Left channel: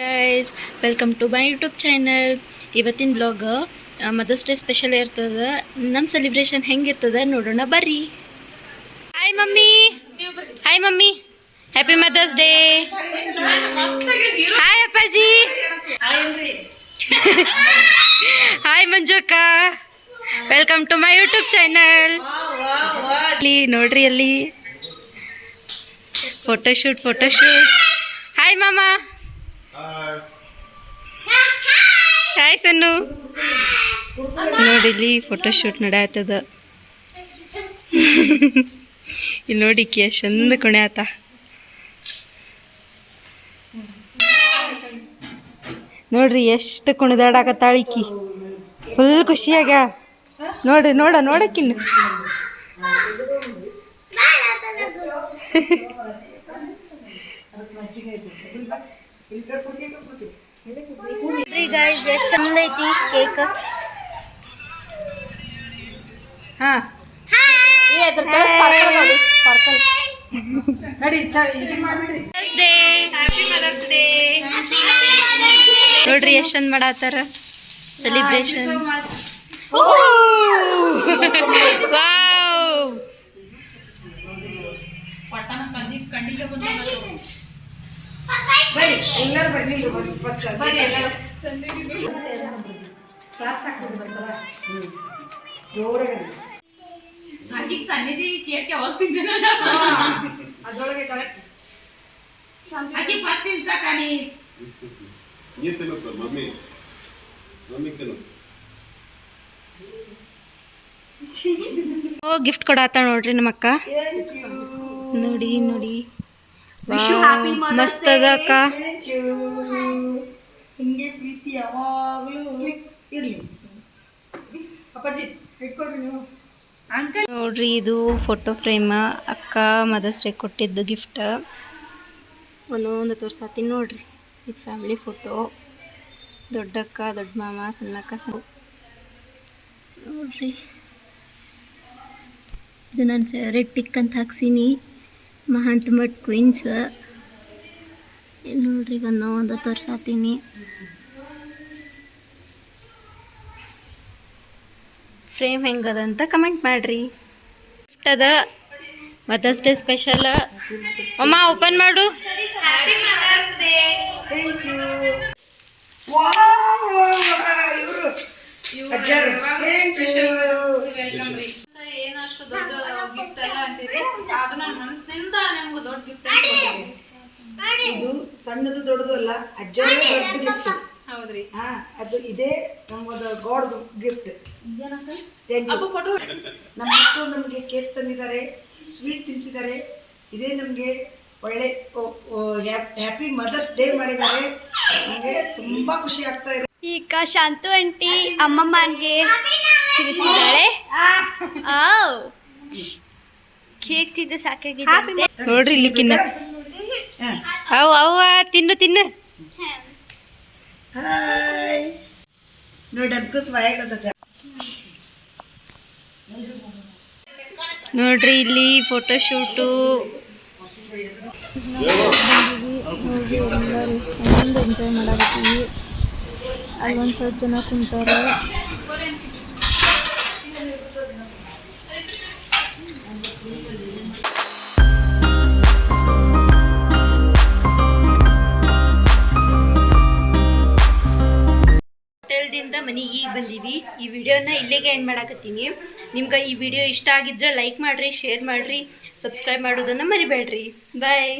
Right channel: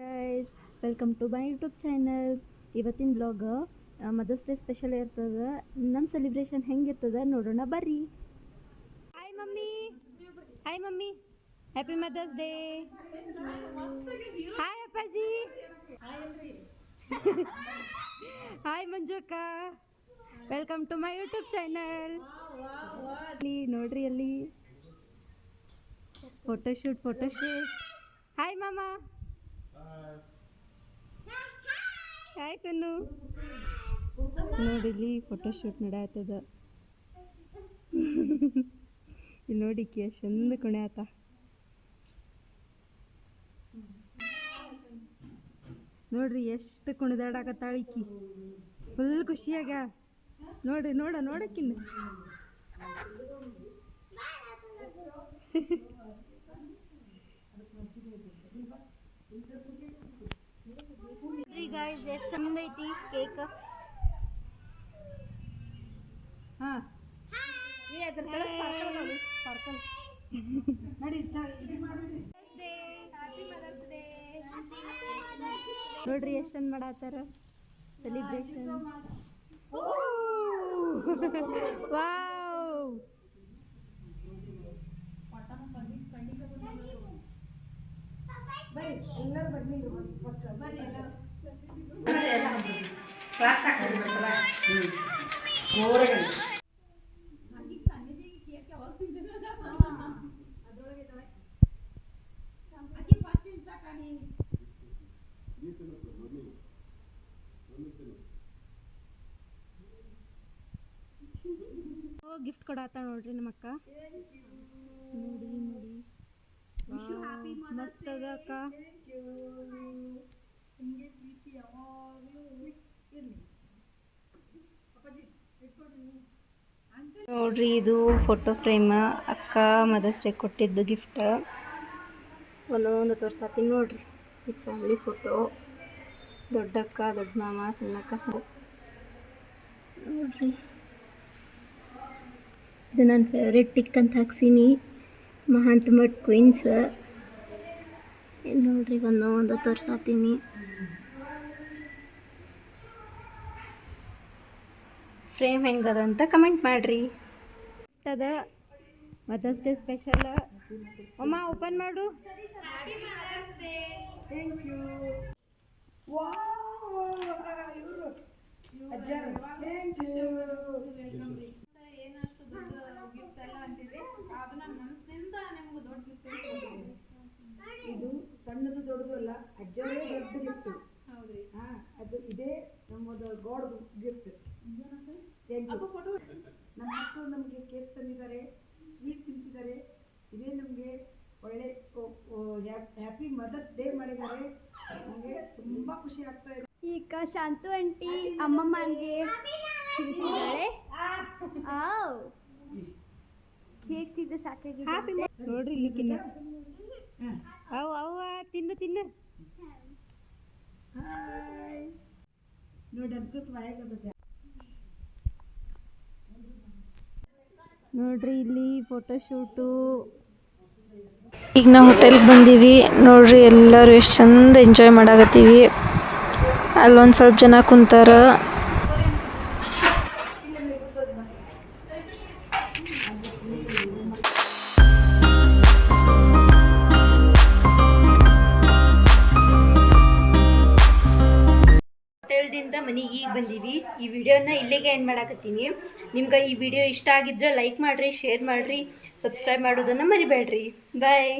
Guys welcome to my YouTube channel. ಇವತ್ತಿನ blog Mother's day special ಇರ್ತದೆ. ನಮ್ಮ celebration ಹೆಂಗಿರ್ತದೆ ನೋಡೋಣ ಬರ್ರಿ. Hi mummy, hi mummy, happy Mother's Day. Hi ಅಪ್ಪಾಜಿ, ಹಾಯ್ ಮಂಜು ಅಕ್ಕ, welcome to my YouTube channel. ಅಲ್ಲಿ ನೋಡ್ರಿ, ಅಲ್ಲಿ ಫೋಟೋಶೂಟ್. ಹಾಯ್ ಮಾಮಾ, ಹಾಯ್ ಸನ್ನು. ನೋಡಿಲ್ಲಿ ಫೋಟೋಶೂಟ್ ನಡೆಯತ್ತದ. ಇಲ್ಲಿ ನೋಡಿ ಎಷ್ಟು ಚಂದ ಕುಣಿಯಾತ. ನೋಡ್ರಿ ಎಷ್ಟು ಕುಣಿದಾಡಕತ್ತಾಳಿಕಿ, ಫುಲ್ ಖುಷಿಯಾಗ. ನೋಡ್ರಿ ನೋಡಕ್ಕಿನ್ನು ಗೈಸ್ ಎಷ್ಟು ಚಂದ ಐತಿ ಕೇಕ್. ನೋಡ್ರಿ ಎಷ್ಟು ಚಂದ ಮಾಡತ್ತಾರ ಸೆಲಿಬ್ರೇಷನ್. ವಾವ್, ಗಿಫ್ಟ್ ಕೊಡಾತ ನೋಡ್ರಿ ನಮ್ಮ ಅಕ್ಕ. ನೋಡಿ ಮಸ್ತ್ ಅದ ಅಕ್ಕ. ಹಿಂಗೆ ಪ್ರೀತಿ ಯಾವಾಗಲೂ ಇರಲಿ. ಅಪ್ಪಾಜಿ ಇಟ್ಕೊಡ್ರಿ ನೀವು. ನೋಡ್ರಿ ಇದು ಫೋಟೋ ಫ್ರೇಮ್ ಅಕ್ಕ ಮದರ್ಸ್ ಡೇ ಕೊಟ್ಟಿದ್ದು ಗಿಫ್ಟ್. ಒಂದೊಂದು ತೋರ್ಸಾತೀನಿ ನೋಡ್ರಿ. ಇದು ಫ್ಯಾಮಿಲಿ ಫೋಟೋ, ದೊಡ್ಡಕ್ಕ, ದೊಡ್ಡ ಮಾಮ, ಸಣ್ಣಕ್ಕ, ನೋಡ್ರಿ. ಇದು ನನ್ನ ಫೇವ್ರೆಟ್ ಪಿಕ್ ಅಂತ ಹಾಕ್ಸೀನಿ, ಮಹಾಂತ ಮಠ್ ಕ್ವೀನ್ಸ್. ಇಲ್ಲಿ ನೋಡ್ರಿ ಒಂದೊಂದು ತೋರ್ಸಾತೀನಿ. ಫ್ರೇಮ್ ಹೆಂಗದ ಅಂತ ಕಮೆಂಟ್ ಮಾಡ್ರಿ. ಗಿಫ್ಟ್ ಅದ ಮದರ್ಸ್ ಡೇ ಸ್ಪೆಷಲ್. ಅಮ್ಮ ಓಪನ್ ಮಾಡು. Thank you. ಏನಷ್ಟು ದೊಡ್ಡ ಗಿಫ್ಟ್ ಎಲ್ಲ ಅಂತೀರಿ, ಅದು ನನ್ನ ಮನಸ್ಸಿನಿಂದ ನಿಮ್ಗೆ ದೊಡ್ಡ ಗಿಫ್ಟ್. ಇದು ಸಣ್ಣದು ದೊಡ್ಡದು ಅಲ್ಲ, ಅಜ್ಜರೇ ದೊಡ್ಡ ಗಿಫ್ಟ್. ಹೌದ್ರಿ, ಅದು ಇದೇ ನಮಗೊಂದು ಗಾಡ್ ಗಿಫ್ಟ್. ನಮ್ಮ ಮಕ್ಕಳು ನಮಗೆ ಕೇಕ್ ತಂದಿದ್ದಾರೆ, ಸ್ವೀಟ್ ತಿನ್ನಿಸಿದ್ದಾರೆ. ಇದೇ ನಮಗೆ ಒಳ್ಳೆ ಹ್ಯಾಪಿ ಮದರ್ಸ್ ಡೇ ಮಾಡಿದ್ದಾರೆ. ನಮಗೆ ತುಂಬಾ ಖುಷಿ ಆಗ್ತಾ ಇದೆ. ಈಗ ಶಾಂತು ಆಂಟಿ ಅಮ್ಮಮ್ಮನ್ಗೆ ತಿನ್ನಿಸಿದ್ದಾಳೆ. ಕೇಕ್ ತಿಂದು ಸಾಕಾಗಿದೆ. ನೋಡ್ರಿ ಇಲ್ಲಿ ಕಿನ್ನ ಅವ್ವ ತಿನ್ನು. ಹಾಯ್ ನೋಡಿ, ಅನ್ಕೋಸ್ ಬಾಯಾಗದ. ನೋಡ್ರಿ ಇಲ್ಲಿ ಫೋಟೋಶೂಟು. ಈಗ ನಾವು ಹೋಟೆಲ್ಗೆ ಬಂದೀವಿ. ನೋಡ್ರಿ ಎಲ್ಲರೂ ಎಷ್ಟು ಚಂದ ಎಂಜಾಯ್ ಮಾಡಾಕತ್ತೀವಿ. ಅಲ್ಲೊಂದು ಸ್ವಲ್ಪ ಜನ ಕುಂತಾರ. ಹೋಟೆಲ್ದಿಂದ ಮನೆಗೆ ಈಗ ಬಂದೀವಿ. ಈ ವಿಡಿಯೋನ ಇಲ್ಲಿಗೆ ಎಂಡ್ ಮಾಡಾಕತ್ತೀನಿ. ನಿಮ್ಗೆ ಈ ವಿಡಿಯೋ ಇಷ್ಟ ಆಗಿದ್ರೆ ಲೈಕ್ ಮಾಡಿರಿ, ಶೇರ್ ಮಾಡಿರಿ, ಸಬ್ಸ್ಕ್ರೈಬ್ ಮಾಡೋದನ್ನು ಮರಿಬೇಡ್ರಿ. ಬಾಯ್.